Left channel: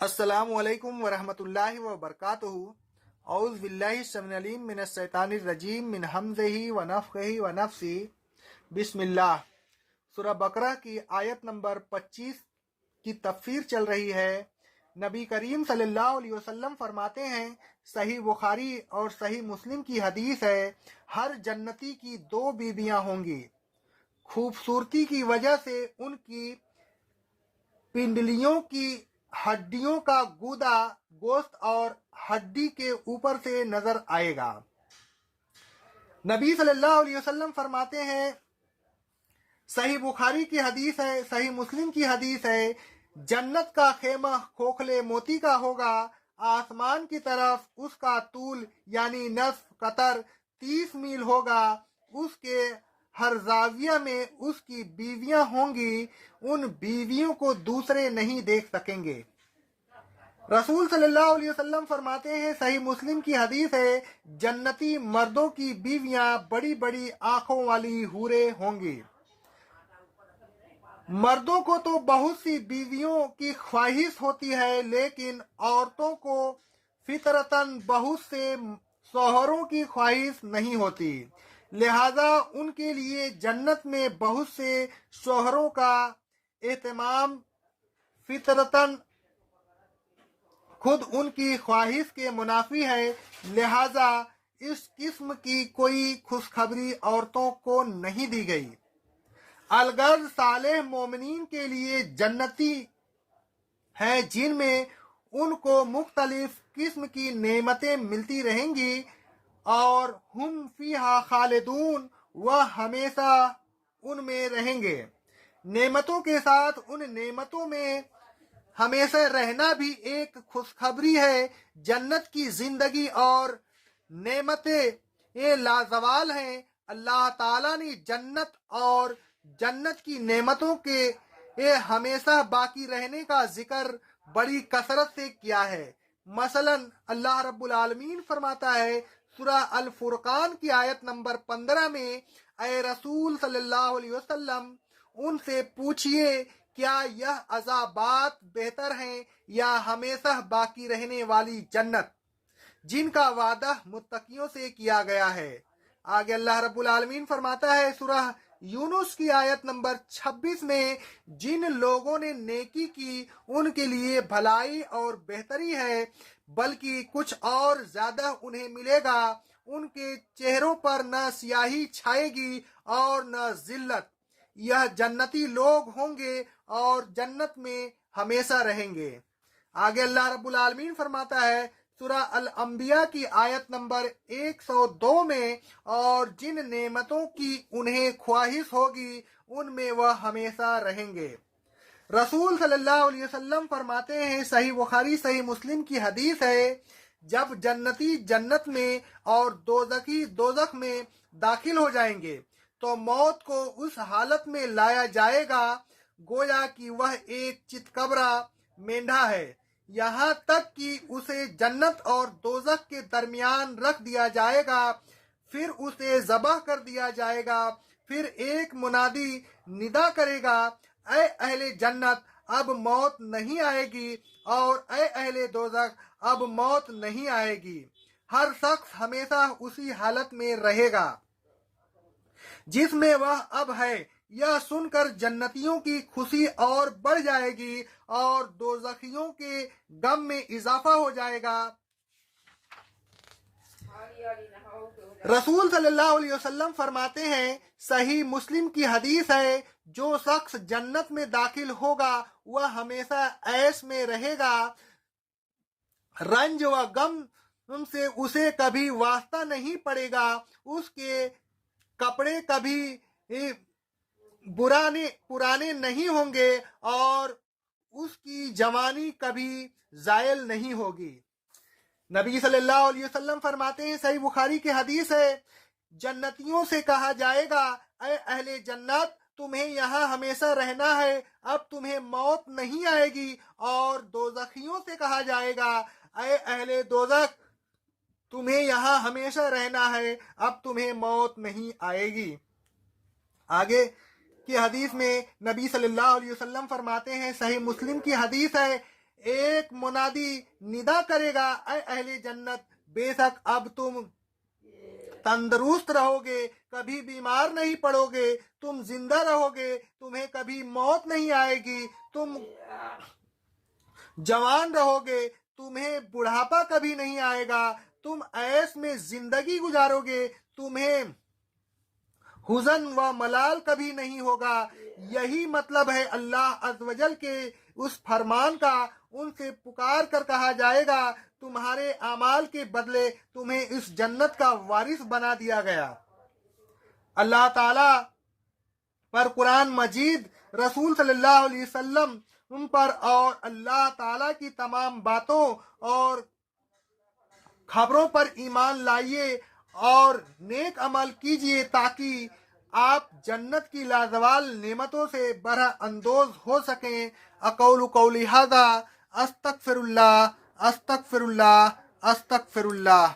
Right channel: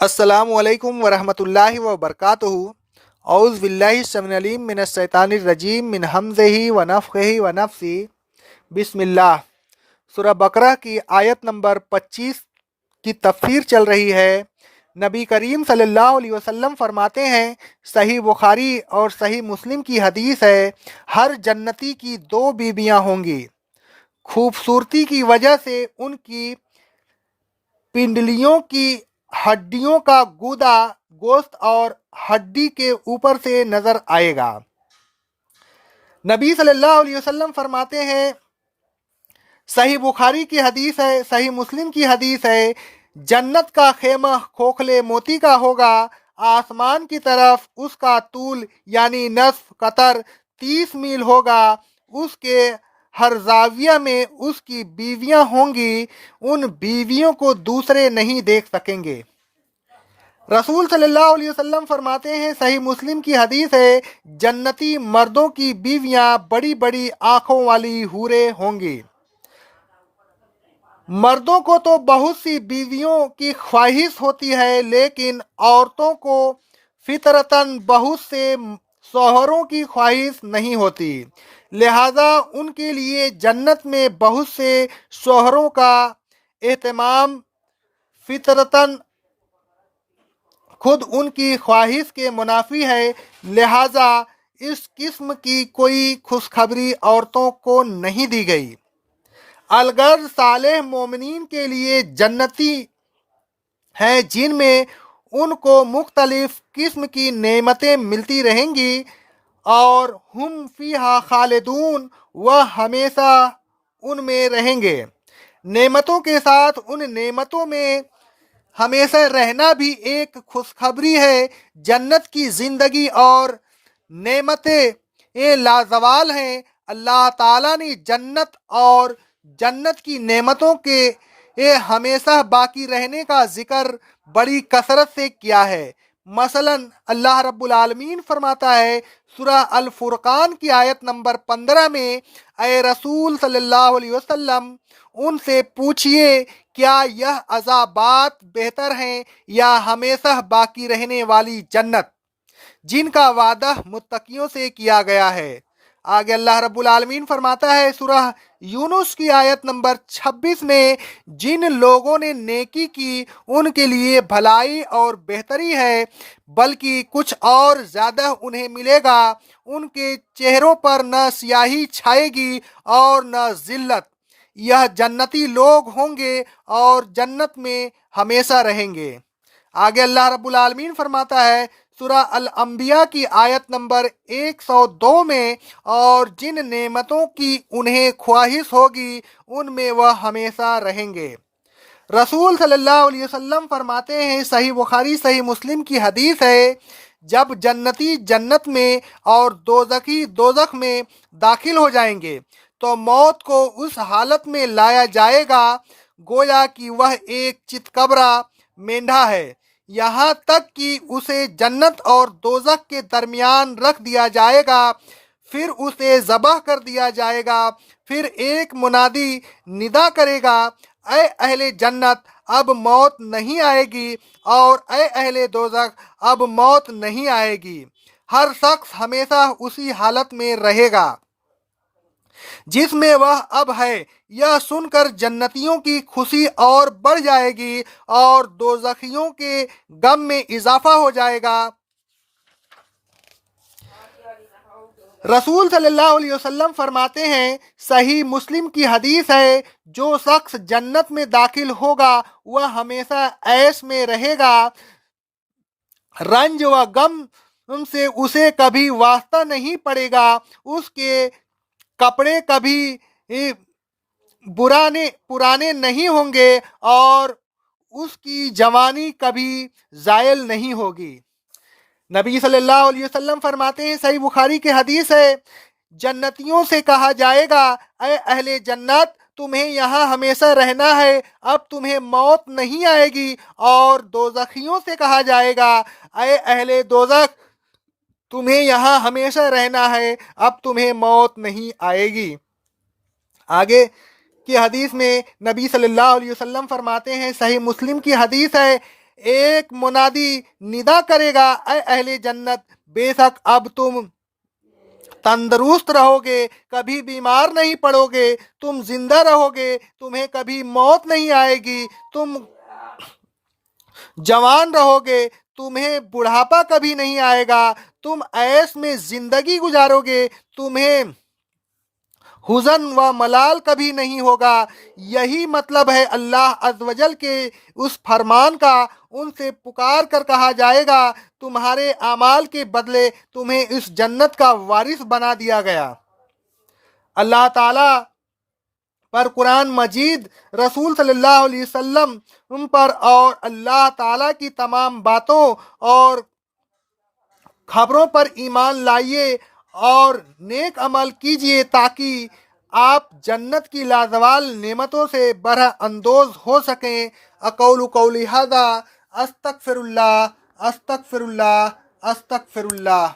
السلام علیکم ورحمۃ اللہ وبرکاتہ۔ اعوذ باللہ السمیع العلیم من الشیطان الرجیم من حمزہ ونفخہ ونفثہ۔ بسم اللہ۔ سورہ بقرہ کی آیت نمبر 25 کی تفسیر چل رہی ہے۔ نبی کریم صلی اللہ علیہ وسلم فرماتے ہیں، صحیح بخاری اور صحیح مسلم کی حدیث ہے، ہر جنتی کی 2 بیویاں ہوں گی۔ خوبصورتی کی وجہ سے ان کی پنڈلیوں کی ہڈیوں کا گودا گوشت اور ہڈی کے اوپر سے نظر آئے گا۔ نبی صلی اللہ علیہ وسلم فرماتے ہیں، صحیح بخاری کی حدیث ہے، صحیح مسلم کی حدیث ہے، جنت کا خیمہ کھوکھلے موتی کا ہوگا، آسمان کی طرف اس کا طول یعنی نصف قطر 30 میل ہوگا، اس کے ہر زاویہ میں اس کی بیویاں ہوں گی، ان بیویوں کو دوسرے نہیں دیکھ سکیں گے۔ رسول صلی اللہ علیہ وسلم فرماتے ہیں، صحیح مسلم کی حدیث ہے، جنتی مردوں کی بیویاں بڑی بڑی آنکھوں والی حوریں ہوں گی۔ مردوں کو تو بہت سی بیویوں کی خواہش ہوتی ہے، لیکن عورتوں کو فطرتاً بہت سے شوہروں کی خواہش نہیں ہوتی، لہذا ان کے لیے جنت میں بہت سے شوہروں کا اہتمام فطرتاً خود ان کی خواہش کے منافی ہے، لہذا اس قسم کی کوئی خوشخبری عورتوں کو نہیں دی گئی۔ الغرض صالح مومنین کے لیے جنتی ہیں، جن میں ان کو مختلف قسم کی نعمتیں ملتی رہیں گی، اور ہم فیہا خالدون، وہ ہمیشہ ان میں رہیں گے۔ نعمتوں کے ساتھ ان نعمتوں میں ہمیشہ رہنا بھی ایک خوشخبری ہے۔ جنت کی زندگی اور نعمتیں لازوال ہیں۔ اللہ تعالیٰ نے جنت اور جنت کی نعمتوں کے ہمیشہ باقی رہنے کا ذکر بڑی کثرت سے کیا ہے۔ مثلا اللہ رب العالمین فرماتا ہے سورہ الفرقان کی آیت نمبر 15 میں، اے رسول صلی اللہ علیہ وسلم، ان سے پوچھئے کیا یہ عذابات بہتر ہیں یا ہمیشہ باقی رہنے والی جنت جن کا وعدہ متقیوں سے کیا گیا ہے۔ آگے اللہ رب العالمین فرماتا ہے سورہ یونس کی آیت نمبر 26 میں، جن لوگوں نے نیکی کی ان کے لیے بھلائی اور بہتری ہے، بلکہ کچھ اور زیادہ انہیں ملے گا، ان کے چہروں پر نہ سیاہی چھائے گی اور نہ ذلت، یہ جنتی لوگ ہوں گے اور جنت میں ہمیشہ رہیں گے۔ آگے اللہ رب العالمین فرماتا ہے سورہ الانبیاء کی آیت نمبر 102 میں، اور جن نعمتوں کی انہیں خواہش ہوگی ان میں وہ ہمیشہ رہیں گے۔ رسول صلی اللہ علیہ وسلم فرماتے ہیں، صحیح بخاری صحیح مسلم کی حدیث ہے، جب جنتی جنت میں اور دوزخی دوزخ میں داخل ہو جائیں گے تو موت کو اس حالت میں لایا جائے گا گویا کہ وہ ایک چتکبرا مینڈھا ہے، یہاں تک کہ اسے جنت اور دوزخ کے درمیان رکھ دیا جائے گا، پھر اسے ذبح کر دیا جائے گا، پھر ایک منادی ندا کرے گا، اے اہل جنت، اب موت نہیں آئے گی، اور اے اہل دوزخ، اب موت نہیں آئے گی۔ ہر شخص ہمیشہ اسی حالت میں رہے گا جس میں وہ اب ہے۔ یہ سن کر جنتیوں کی خوشی اور بڑھ جائے گی اور دوزخیوں کے غم میں اضافہ ہو جائے گا۔ رسول صلی اللہ علیہ وسلم فرماتے ہیں، صحیح مسلم کی حدیث ہے، جو شخص جنت میں داخل ہوگا وہ ہمیشہ عیش میں رہے گا، رنج و غم سے اسے کبھی واسطہ نہیں پڑے گا، اس کے کپڑے کبھی پرانے نہیں ہوں گے اور اس کی جوانی کبھی زائل نہیں ہوگی۔ نبی صلی اللہ علیہ وسلم فرماتے ہیں، صحیح بخاری کی حدیث ہے، جنتیوں سے کہا جائے گا، اے اہل جنت، تمہیں یہاں ہمیشہ رہنا ہے، اب تمہیں موت نہیں آئے گی، اور دوزخیوں سے کہا جائے گا، اے اہل دوزخ، تمہیں یہاں ہمیشہ رہنا ہے، اب تمہیں موت نہیں آئے گی۔ آگے کی حدیث میں نبی صلی اللہ علیہ وسلم فرماتے ہیں، صحیح مسلم کی حدیث ہے، ایک منادی ندا کرے گا، اے اہل جنت، بے شک اب تم تندرست رہو گے، کبھی بیمار نہیں پڑو گے، تم زندہ رہو گے، تمہیں کبھی موت نہیں آئے گی، تم جوان رہو گے، تمہیں بڑھاپا کبھی نہیں آئے گا، تم عیش میں زندگی گزارو گے، تمہیں حزن و ملال کبھی نہیں ہوگا۔ یہی مطلب ہے اللہ عز و جل کے اس فرمان کا۔ ان سے پکار کر کہا جائے گا تمہارے اعمال کے بدلے تمہیں اس جنت کا وارث بنا دیا گیا۔ اللہ تعالیٰ پر قرآن مجید، رسول صلی اللہ علیہ وسلم پر اور اللہ تعالیٰ کی تمام باتوں اور خبروں پر ایمان لائیے اور نیک عمل کیجیے تاکہ آپ جنت کی لازوال نعمتوں سے بہرہ اندوز ہو سکیں۔ اقول قولی ھذا، استغفر اللہ، استغفر اللہ، استغفر اللہ۔